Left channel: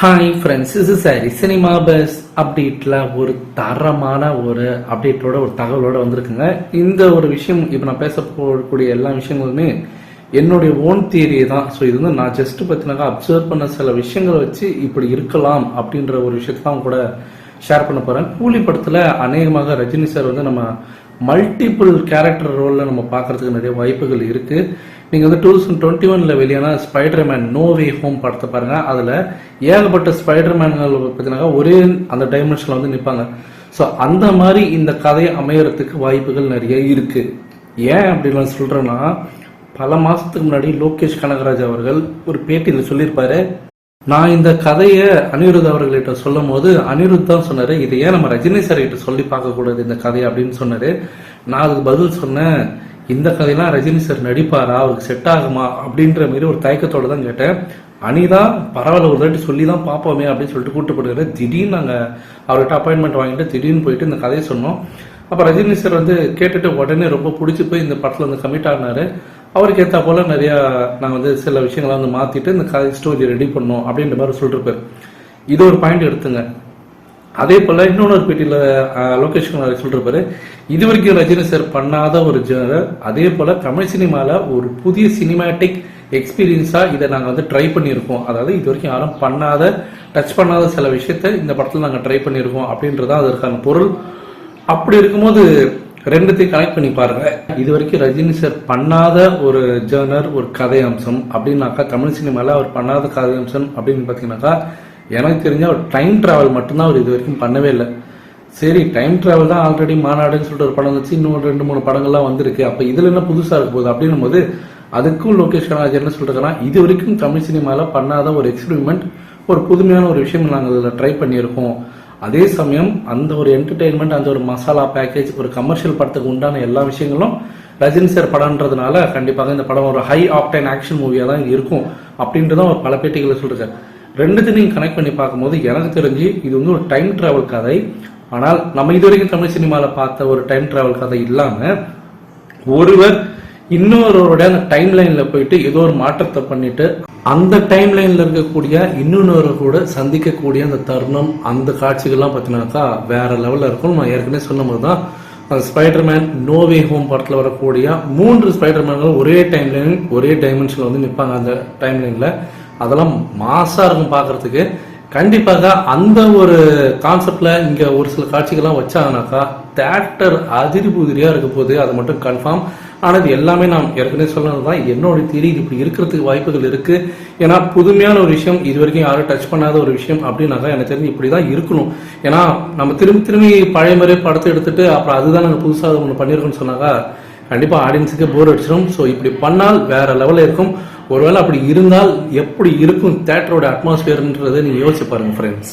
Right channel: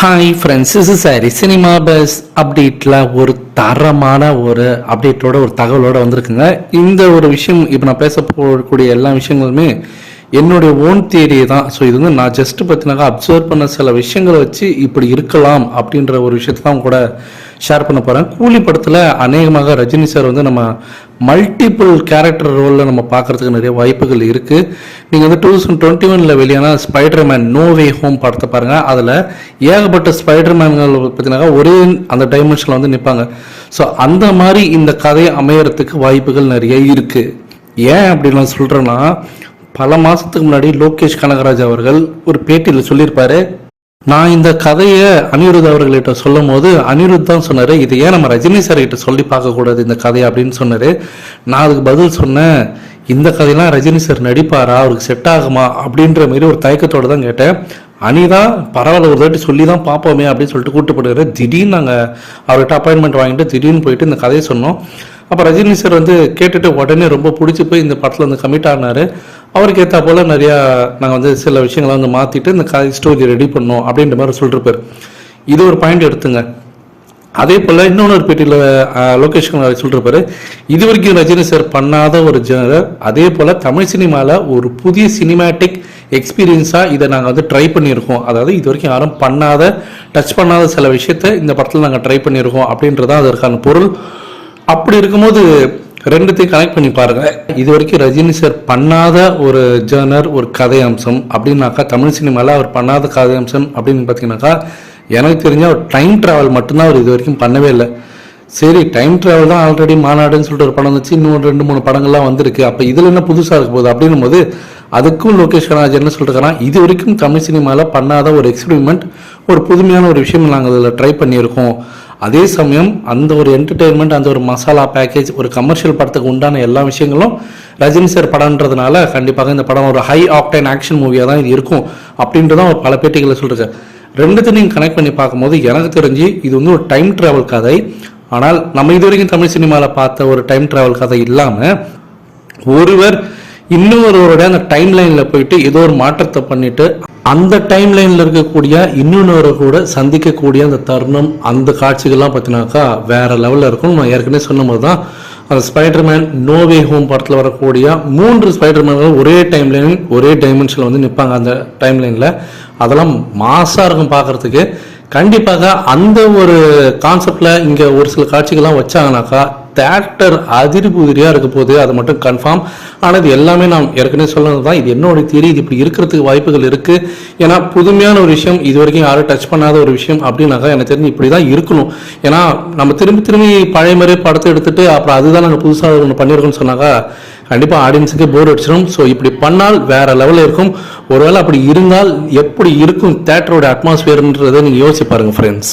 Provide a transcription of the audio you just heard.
Hi friends, is sorry cinema bus அப்டேட்டில் ஒரு தரமான ஒரு அப்டேட்டோட ஒரு தகவலோட வந்திருக்குங்க. இந்த ஒரு விஷயம் இப்போ நான் பேச போகக்கூடிய எல்லா விஷயங்களுமே என்னுடைய ஓன் தியரி தான். ஸோ இது வந்து நான் ஜஸ்ட் பார்த்தீங்கன்னா அப்சர்வ் பண்ண சில விஷயங்களை வச்சு இப்படி இருக்கலாம் அப்படின்ற ஒரு விஷயத்தை தான் கூட ஷேர் பண்ண போகிறேன். கூலி படத்தில் அநேகமாக ரஜினி சார் வந்து நம்ம மல்டிபிள் கேரக்டர் ரோலில் நம்ம பார்க்குறதுக்கு நிறைய வாய்ப்புகள் இருக்குது. நீங்கள் வந்து 2021 வெளியான ஸ்பைடர்மேன் நோ வே ஹோம் படத்தை பாருங்கள். அதில் ஏகப்பட்ட ஸ்பைடர்மேன்கள் பார்த்தீங்கன்னா ஒரே அந்த டைமென்ஷனில் வந்து நிற்பாங்க. ஸோ அந்த மாதிரி இந்த கதையை அமையறதுக்கு வாய்ப்புகள் நிறைய இருக்குது. ஏன் அப்படின்னு நான் சொல்கிறேன்னா, பல மாதத்துக்கு முன்னாடி லோகேஷ் கனகராஜ் அவர்கள் ஒரு பேட்டியில் சொல்லியிருப்பாரு, நான் இந்த கதையை அனிருத் அவர்கள்கிட்ட சொல்லும் போது அனிருத் தான் சொன்னார், இதை ஏன் நம்ம ரஜினி சார் கிட்ட சொல்லி பார்க்கக்கூடாது இந்த கதையை அப்படின்னு சொன்னார். நான் அதுக்கு பதில் சொன்னேன், இந்த கதையெல்லாம் ரஜினி சார் நடிப்பாரா, அவருக்கு செட் ஆகுமா அப்படின்ற மாரி ஒரு தயக்கத்தோடு தான் கேட்டேன். அனிதான் பரவாயில்ல ஒரு தாட்டி சொல்லி தான் பார்ப்போமே அப்படின்னு சொல்லிட்டு கூப்பிட்டு போடுறாரு. திடீர்னு நாங்கள் அவர்கிட்ட அப்பாயின்மெண்ட் வாங்கிட்டு திடீர்னு போயிட்டு இந்த கதையை சொன்னோம். அப்போ ரஜினி சார் வந்து கேட்டுட்டு உடனே ரொம்ப பிடிச்சி போய் இந்த படத்தில் வந்து கமிட் ஆனார். அவருக்கு ஏற்ற போல் நிறையா நாங்கள் வந்து சில விஷயங்களை வந்து மாற்றிட்டு இந்த கதை ஸ்டோரி ரெடி பண்ணோம் அப்படின்ற மாதிரி சொல்லிருப்பார். இது ஒரு பாயிண்ட் எடுத்துங்க. அதே போல் இன்னொன்று பேட்டியில் லோகேஷ் கனகராஜ் சொல்லிருப்பாரு, இது வரைக்கும் ரஜினி சார் பண்ணாத ஒரு ஜெனரல், அதே போல் தமிழ் சினிமாவில் ஒரு புதிய சினிமேட்டிக் எக்ஸ்பீரியன்ஸாக இதை நாங்கள் வந்து ட்ரை பண்ணியிருக்கோம். அதாவது இது வரைக்கும் யாரும் பண்ணாத டச் பண்ணாத சில விஷயத்தை இந்த படத்தில் நாங்கள் ட்ரை பண்ணியிருக்கோம் அப்படின்றதான் அதற்கான பொருள். அப்படி இருக்கும்போது ரெண்டுத்தையும் கனெக்ட் பண்ணி பாருங்க. இது வரைக்கும் ரஜினி சார் பண்ணாத ஒரு ஜேர்னர், ஒரு கதை அம்சம் அப்படின்னாக்கா, தமிழ் சினிமாவில் அவர் பண்ணாத கதை அம்சம் அப்படின்னு பார்த்தீங்கன்னாக்கா, எனக்கு தெரிஞ்ச ஒரு டைம் ட்ராவல் மட்டும்தான் அவர் இது வரைக்கும் பண்ணவே இல்லை. சரி, டைம் ட்ராவல் தான் ஆல்ரெடி மாநாடுன்னு சொல்லிட்டு ஒரு படம் வச்சு இன்னும் 2-3 படங்கள்லாம் வந்திருக்கு. அப்போ இதில் என்ன புதுசாக இருக்க போகுது அப்படின்னும் போது அதுக்கும் லோகேஷ் கனகராஜ் என்ன சொல்லிருக்காங்கன்னா, இது வரைக்கும் தமிழ் சினிமாவில் பண்ணாத ஒரு எக்ஸ்பெரிமெண்ட், ஒரு புதுமையான ஒரு விஷயம் நாங்கள் அதில் ட்ரை பண்ணியிருக்கோம். அதே சமயம் அந்த ஒரு என்டர்டெயின்மெண்ட், அந்த ஒரு மசாலா பேக்கேஜ், ஒரு கமர்ஷியல் படத்துக்கு உண்டான எல்லா விஷயங்களும் ரஜினி சார் படம்ன்றதுனால கண்டிப்பாக இந்த படம் ஒரு ஹை ஆக்டைன் ஆக்ஷன் மூவியாக தான் இது இருக்கும் அப்படின்றதான் ஒரு பல பேட்டிகளை சொல்லிருக்கேன். ரெண்டுத்தையும் நீங்கள் கனெக்ட் பண்ணி பார்க்கும்போது எனக்கு தெரிஞ்சு இது வந்து ஒரு டைம் ட்ராவல் கதை. ஆனால் நம்ம இது வரைக்கும் தமிழ் சினிமாவில் பார்த்த ஒரு டைம் ட்ராவல் கதை இல்லாமல் ஒருவர் இன்னொருவருடைய அந்த டைம் லைனில் போயிட்டு ஏதோ ஒரு மாற்றத்தை பண்ணிட்டு அந்த டைம் லைனில் இருக்கக்கூடிய இன்னொரு கூட சந்திக்கக்கூடிய அந்த தருணம், அந்த காட்சிகள்லாம் பார்த்தீங்கன்னாக்கா வேற லெவலில் இருக்கும். நான் ஏற்கனவே சொன்னபோது தான் அந்த ஸ்பைடர்மேன் நோ வே ஹோம் படத்தில் வரக்கூடிய 3 ஸ்பைடர்மேன்கள் ஒரே டைம் லைன் ஒரே டைமென்ஷனில் வந்து நிற்பாங்க. அந்த டைம் லைனில் அதெல்லாம் மாசாக இருக்கும் பார்க்குறதுக்கு. கண்டிப்பாக அந்த ஒரு கான்செப்டில் இங்கே ஒரு சில காட்சிகள்லாம் வச்சாங்கனாக்கா தேட்டர் அதிரி புதிரியாக இருக்க போகுது, அது மட்டும் கன்ஃபார்ம். ஆனால் இது எல்லாமே நான் ஏற்கனவே சொன்னது தான், இது என்னோட தியரி. இது இப்படி இருக்கிறதுக்கு வாய்ப்புகள் இருக்குது. ஏன்னா புதுமையான ஒரு விஷயம், இது வரைக்கும் யாரும் டச் பண்ணாத ஒரு விஷயம் அப்படின்னாக்கா எனக்கு தெரிஞ்சு இப்படி தான் இருக்கணும். ஏன்னா நம்ம திரும்பி பழைய மாதிரி படத்தை எடுத்துட்டு அப்புறம் அதுதான் நாங்கள் புதுசாக ஒன்று பண்ணியிருக்கோம்னு சொன்னாக்கா கண்டிப்பாக ஆடியன்ஸுக்கு போர் அடிச்சிடும். ஸோ இப்படி பண்ணால் வேற லெவலில் இருக்கும். ஒருவேளை அப்படி இருந்தால் எப்படி இருக்கும் தேட்டரோட அட்மாஸ்பியர்ன்றதை நீங்கள் யோசிச்சு பாருங்கள் ஃப்ரெண்ட்ஸ்.